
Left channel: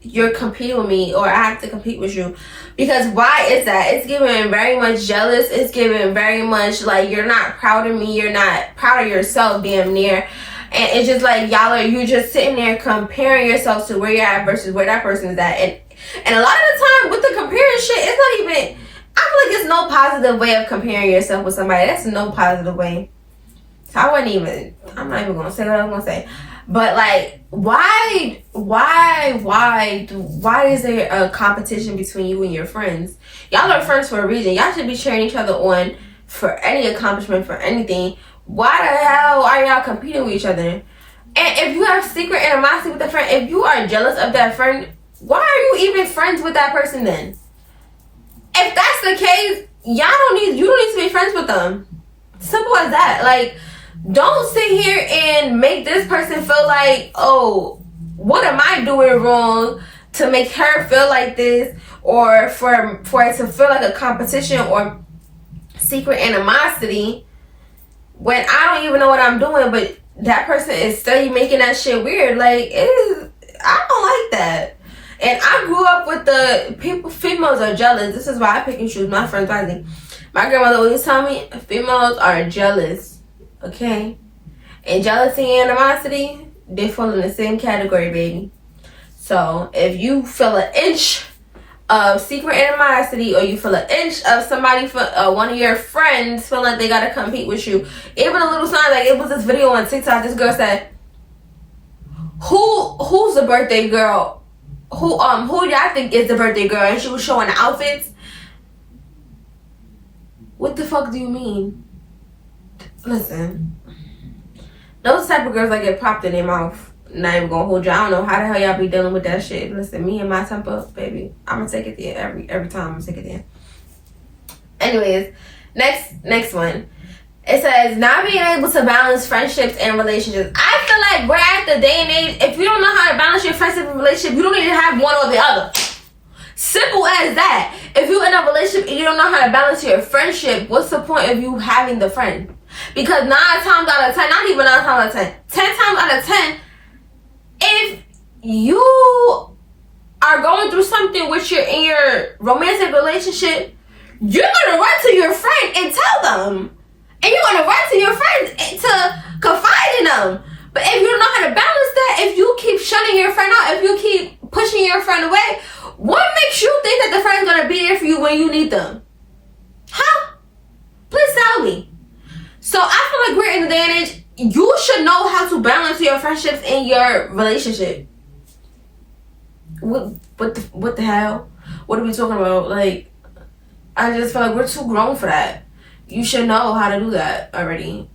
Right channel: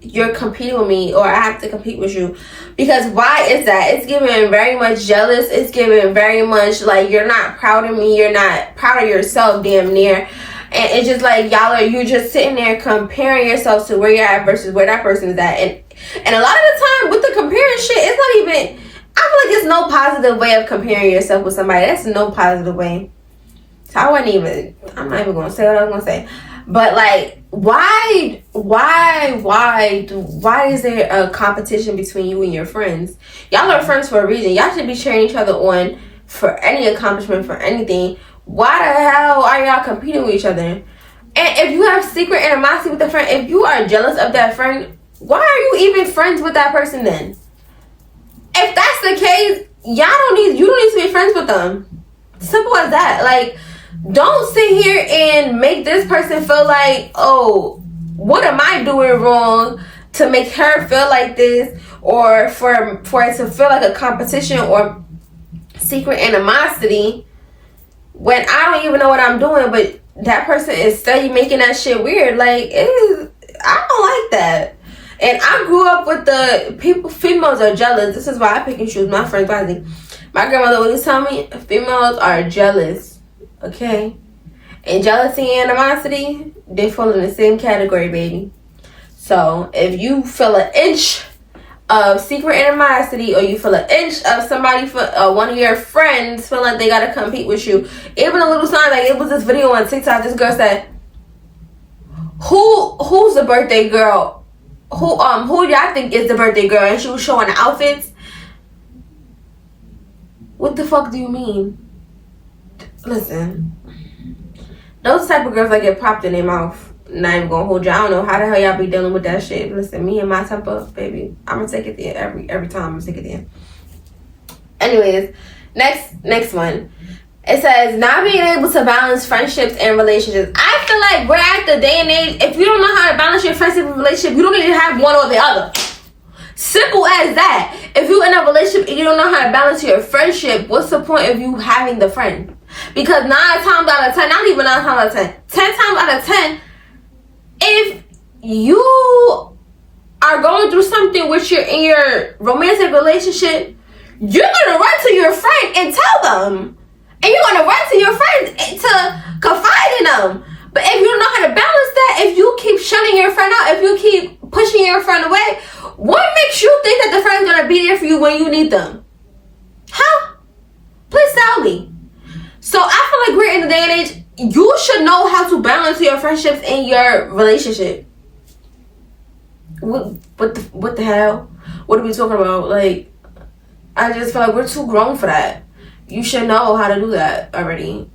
you're competing with me or I have to compete with you. Because why is that? It's giving very much jealous. It's giving very much like you're not proud of me. You're not proud of yourself, damn near. And it's just like you're just sitting there comparing yourself to where you're at versus where that person is at. And a lot of the time with the comparing shit, it's not even, I feel like it's no positive way of comparing yourself with somebody. That's no positive way. So I'm not even going to say what I was going to say. But like, why is there a competition between you and your friends? Y'all are friends for a reason. Y'all should be cheering each other on for any accomplishment, for anything. Why the hell are y'all competing with each other? And if you have secret animosity with a friend, if you are jealous of that friend, why are you even friends with that person then? If that's the case, you don't need to be friends with them. Simple as that. Like, don't sit here and make this person feel like, oh, what am I doing wrong to make her feel like this, or for it to feel like a competition or secret animosity when I don't even know what I'm doing, but that person is steady making that shit weird. Like, I don't like that. And I grew up with the females are jealous. This is why I pick and choose my friends wisely. My grandmother always tell me females are jealous, okay? And jealousy and animosity, they fall in the same category, baby. So if you feel an inch of secret animosity, or you feel an inch of somebody, one of your friends feel like they gotta compete with you, even a little sign, like it was this video on TikTok, this girl said, who's the birthday girl? Who y'all think is the birthday girl? And she was showing the outfits. What the fuck do you mean? Listen, those type of girls that get popped in their mouth. Not even gonna hold you. I don't know how the hell y'all be dealing with that shit. Listen, me and my temper, baby, I'm gonna take it there every time. I'm gonna take it there. Anyways, next one. It says not being able to balance friendships and relationships. I feel like we're at the day and age. If you don't know how to balance your friendship and relationship, you don't need to have one or the other. Simple as that. If you're in a relationship and you don't know how to balance your friendship, what's the point of you having the friend? Because 9 times out of 10, not even 9 times out of 10, 10 times out of 10, if you are going through something with in your romantic relationship, you're gonna run to your friend and tell them, and you're gonna run to your friends to confide in them. But if you don't know how to balance that, if you keep shunning your friend out, if you keep pushing your friend away, what makes you think that the friend's gonna be there for you when you need them? Huh? Please tell me. So I feel like we're in the day and age. You should know how to balance your friendships and your relationship. What the hell? What are we talking about? Like, I just feel like we're too grown for that. You should know how to do that already.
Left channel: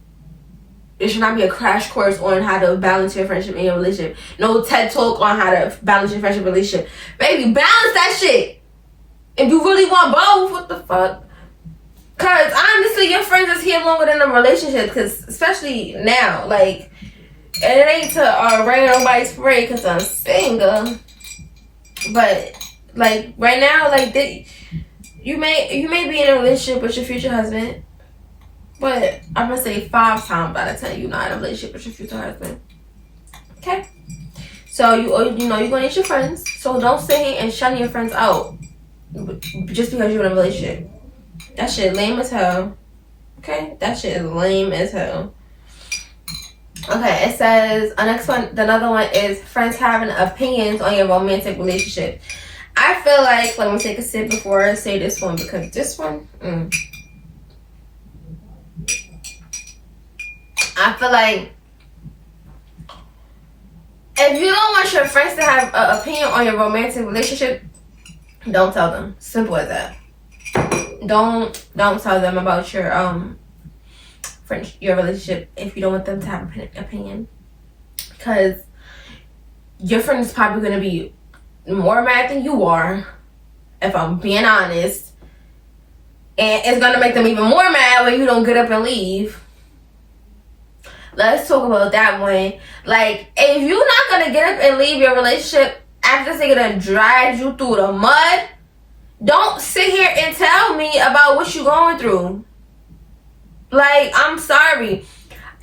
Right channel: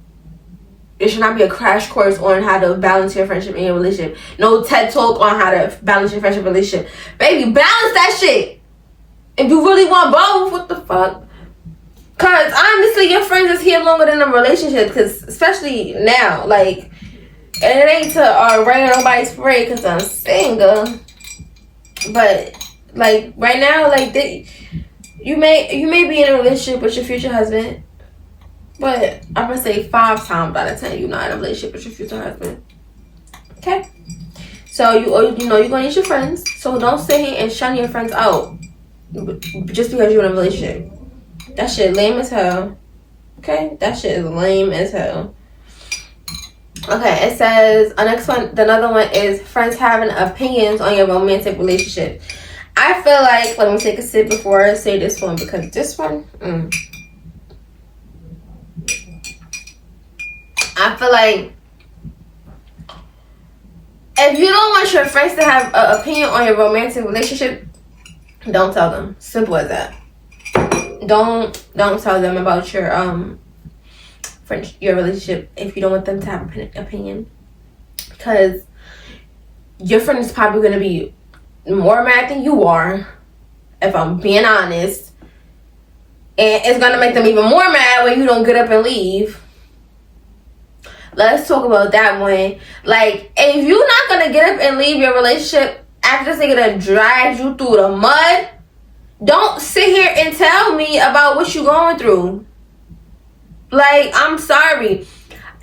It should not be a crash course on how to balance your friendship and your relationship. No TED Talk on how to balance your friendship and relationship. Baby, balance that shit. If you really want both, what the fuck? Because honestly, your friends is here longer than a relationship. Because especially now, like, and it ain't to rain on nobody's parade because I'm single. But like right now, like you may be in a relationship with your future husband, but I'm gonna say 5 times out of 10 you're not in a relationship with your future husband. Okay, so you know you're gonna need your friends. So don't sit here and shun your friends out just because you're in a relationship. That shit lame as hell. Okay? That shit is lame as hell. Okay, it says, another one is friends having opinions on your romantic relationship. I feel like, let me take a sip before I say this one, because this one, I feel like if you don't want your friends to have an opinion on your romantic relationship, don't tell them. Simple as that. Don't tell them about your your relationship if you don't want them to have an opinion, because your friend is probably gonna be more mad than you are, if I'm being honest, and it's gonna make them even more mad when you don't get up and leave. Let's talk about that one. Like, if you're not gonna get up and leave your relationship after they're gonna drag you through the mud, don't sit here and tell me about what you're going through. Like, I'm sorry.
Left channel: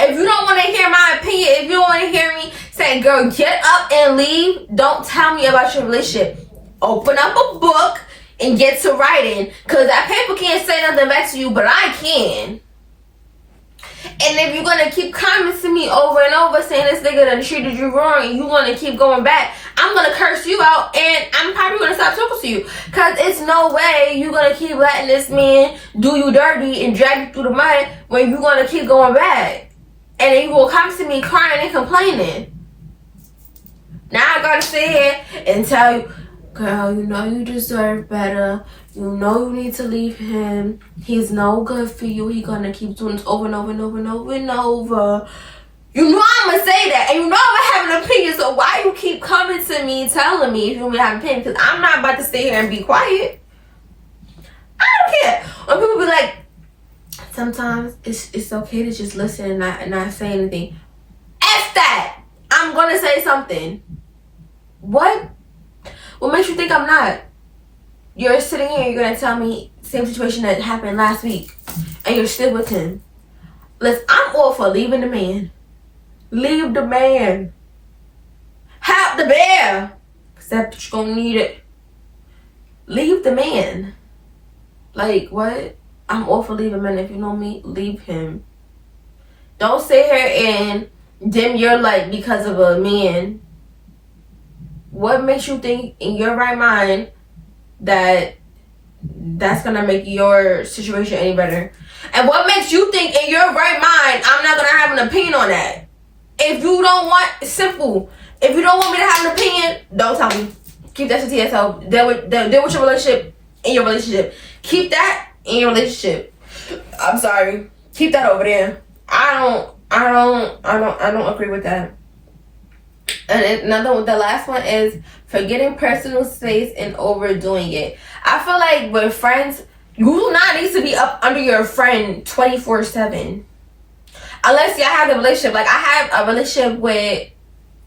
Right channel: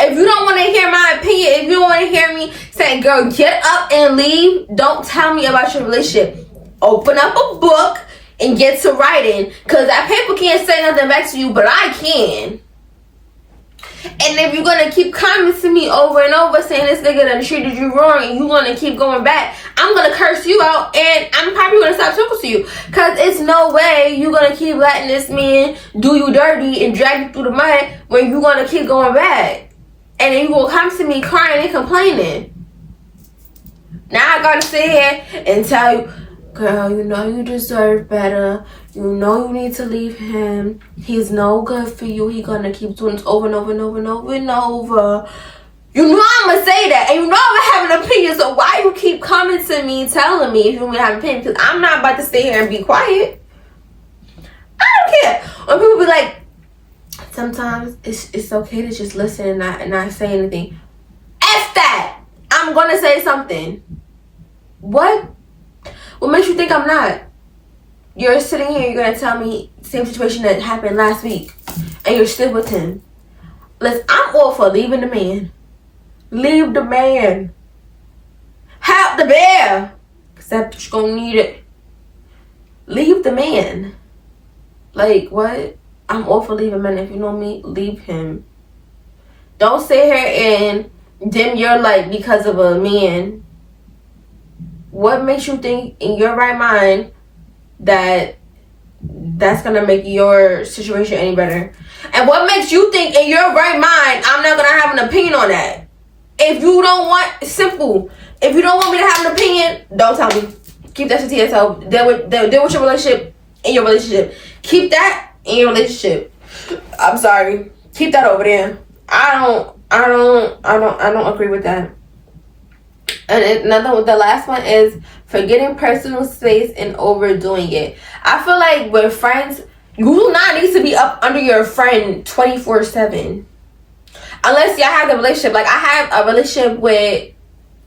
If you don't want to hear my opinion, if you don't want to hear me say, girl, get up and leave, don't tell me about your relationship. Open up a book and get to writing, because that paper can't say nothing back to you, but I can. And if you're going to keep commenting me over and over saying this nigga done treated you wrong and you want to keep going back, I'm going to curse you out and I'm probably going to stop talking to you. Because it's no way you're going to keep letting this man do you dirty and drag you through the mud when you're going to keep going back. And then you will come to me crying and complaining. Now I got to sit here and tell you, girl, you know you deserve better. You know you need to leave him. He's no good for you. He gonna keep doing this over and over and over and over and over. You know I'm gonna say that. And you know I'm gonna have an opinion. So why you keep coming to me telling me if you want me to have an opinion? Because I'm not about to stay here and be quiet. I don't care. When people be like, sometimes it's okay to just listen and not say anything. F that. I'm gonna say something. What? What makes you think I'm not? You're sitting here, you're gonna tell me the same situation that happened last week, and you're still with him. Listen, I'm all for leaving the man. Leave the man. Help the bear. Except you're gonna need it. Leave the man. Like, what? I'm all for leaving men. If you know me, leave him. Don't sit here and dim your light because of a man. What makes you think in your right mind that that's gonna make your situation any better? And what makes you think in your right mind I'm not gonna have an opinion on that? If you don't want, simple. If you don't want me to have an opinion, don't tell me. Keep that shit to yourself. Deal with your relationship in your relationship. Keep that in your relationship. I'm sorry. Keep that over there. I don't agree with that. And the last one is forgetting personal space and overdoing it. I feel like with friends, you do not need to be up under your friend 24/7. Unless y'all have a relationship. Like, I have a relationship with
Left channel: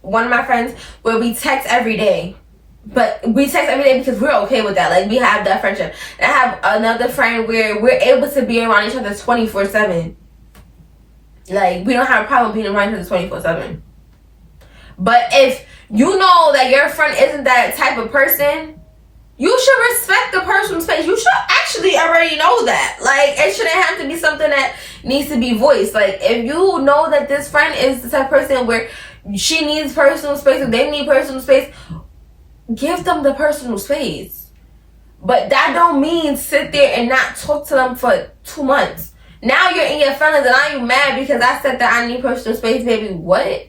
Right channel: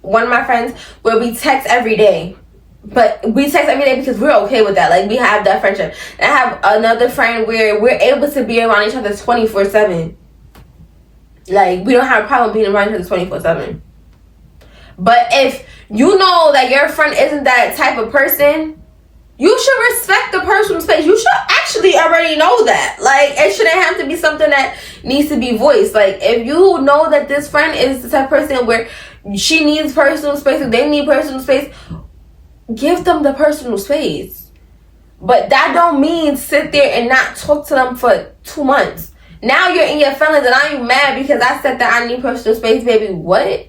one of my friends where we text every day. But we text every day because we're okay with that. Like, we have that friendship. And I have another friend where we're able to be around each other 24/7. Like, we don't have a problem being around each other 24/7. But if you know that your friend isn't that type of person, you should respect the person's space. You should actually already know that. Like, it shouldn't have to be something that needs to be voiced. Like, if you know that this friend is the type of person where she needs personal space, or they need personal space, give them the personal space. But that don't mean sit there and not talk to them for 2 months. Now you're in your feelings and now you mad because I said that I need personal space, baby. What?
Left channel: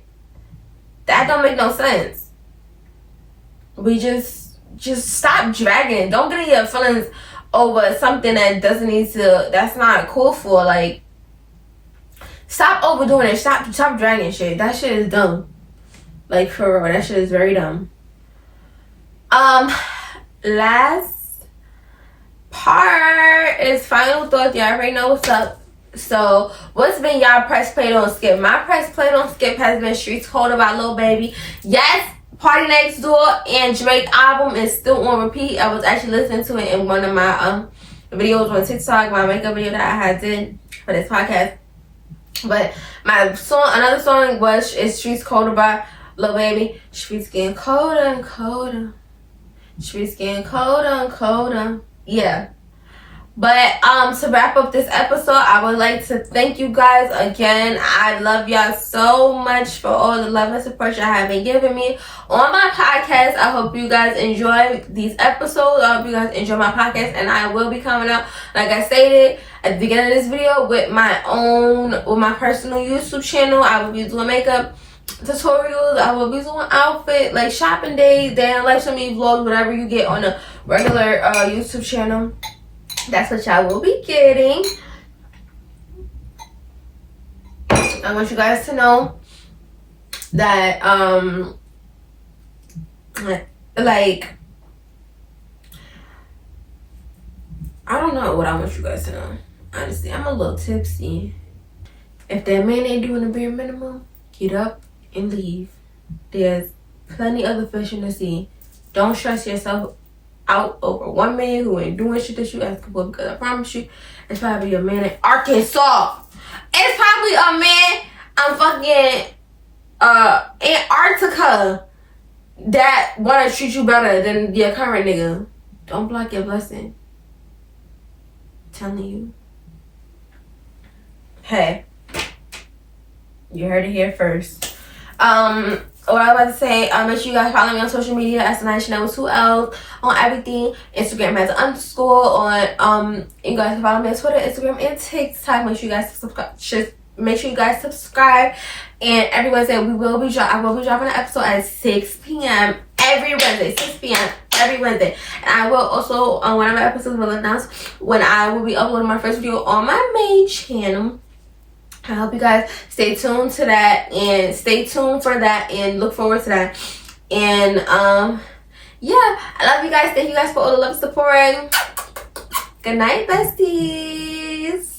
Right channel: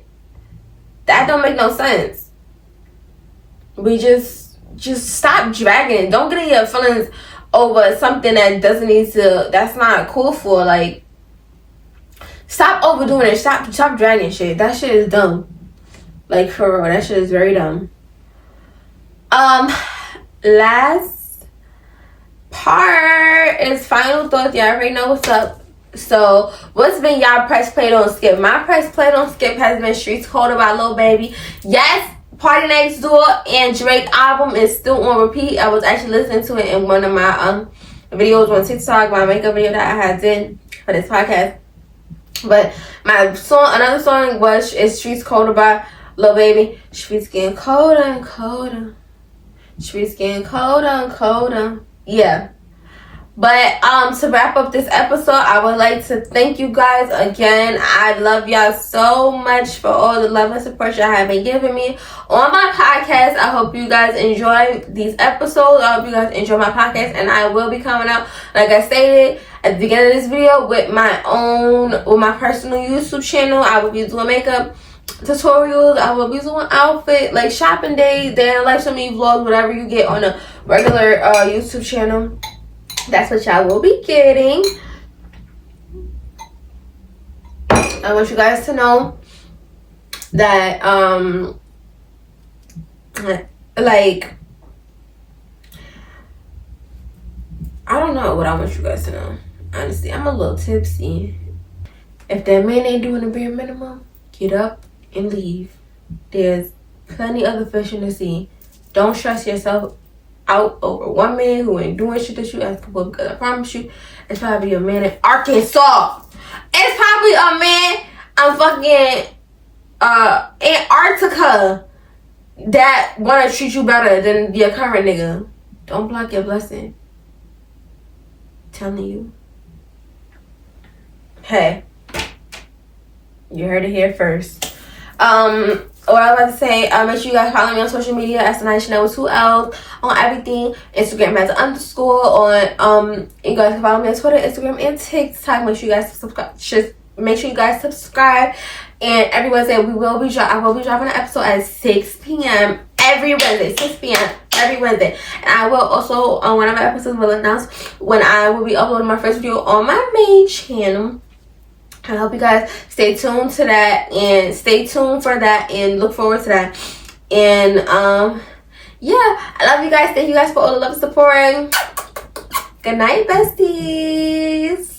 That don't make no sense. We just stop dragging it. Don't get in your feelings over something that doesn't need to, that's not cool for. Like, stop overdoing it. Stop dragging shit. That shit is dumb. Like, for real, that shit is very dumb. Last part is final thoughts. Y'all already know what's up. So, what's been y'all press play don't skip? My press play don't skip has been Streets Colder by Lil Baby. Yes, Party Next Door and Drake album is still on repeat. I was actually listening to it in one of my videos on TikTok, my makeup video that I had did for this podcast. But my song, another song is Streets Colder by Lil Baby. Streets getting colder and colder. Streets getting colder and colder. Yeah. But to wrap up this episode, I would like to thank you guys again. I love y'all so much for all the love and support y'all have been giving me on my podcast. I hope you guys enjoy these episodes. I hope you guys enjoy my podcast, and I will be coming out, like I stated at the beginning of this video, with my personal YouTube channel. I will be doing makeup tutorials. I will be doing outfit, like shopping days, day in life, some of you vlogs, whatever you get on a regular YouTube channel. That's what y'all will be getting. I want you guys to know that like, I don't know what I want you guys to know. Honestly, I'm a little tipsy. If that man ain't doing the bare minimum, get up and leave. There's plenty other fish in the sea. Don't stress yourself out over one man who ain't doing shit that you asking for, because I promise you, it's probably a man in Arkansas. It's probably a man Antarctica that wanna treat you better than your current nigga. Don't block your blessing. I'm telling you. Hey, you heard it here first. What I was about to say, make sure you guys follow me on social media at Sanaya Chanel with 2 L's on everything. Instagram has an _. You guys can follow me on Twitter, Instagram, and TikTok. Make sure you guys subscribe. And every Wednesday I will be dropping an episode at 6 p.m. every Wednesday. 6 p.m. every Wednesday. And I will also, one of my episodes will announce when I will be uploading my first video on my main channel. I hope you guys stay tuned to that, and stay tuned for that, and look forward to that. And yeah, I love you guys. Thank you guys for all the love and support. Good night, besties.